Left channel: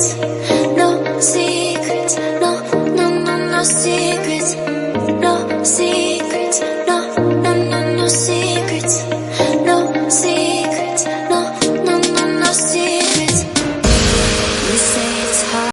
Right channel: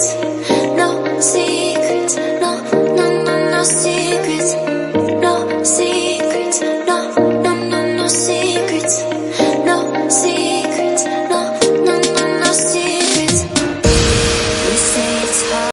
secrets, no secrets, no, no, no, no secrets, no secrets, no, no, no, no secrets, no secrets, no, no, no, no secrets. You say it's hard.